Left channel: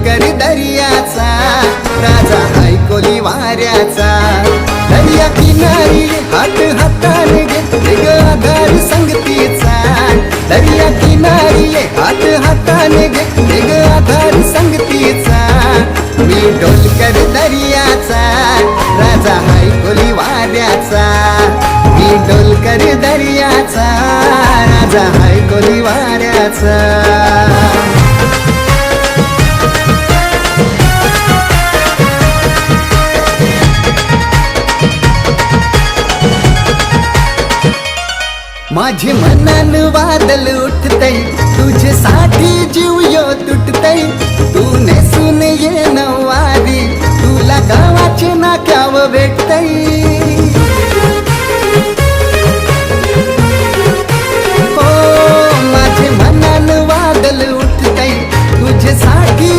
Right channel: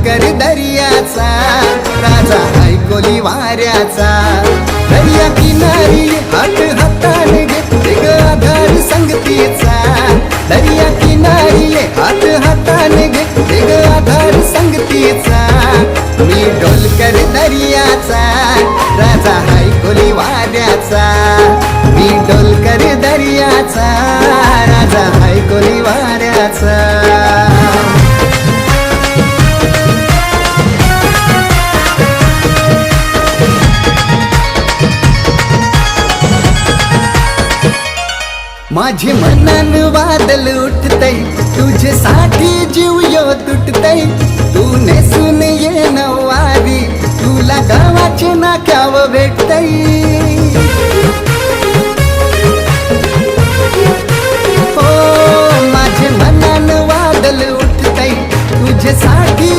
डोलकर दर्याचा, राजा हाय कोली वाऱ्याचा. दर्या किनारी हात हाताने घेते ग आधार संगतीचा. दर्या किनारी हात हाताने घेते ग आधार संगतीचा. मी डोलकर दर्याचा, राजा हाय कोली वाऱ्याचा. मी डोलकर दर्याचा, राजा हाय कोली वाऱ्याचा. माझे मनान वादल उठतय, तुझ्यासाठी जीव यो तुटतय. तू नेसून ये नवारी, तुला गावाचे नाक्याव भेटतय. हो माझे मनान वादल उठतय, तुझ्यासाठी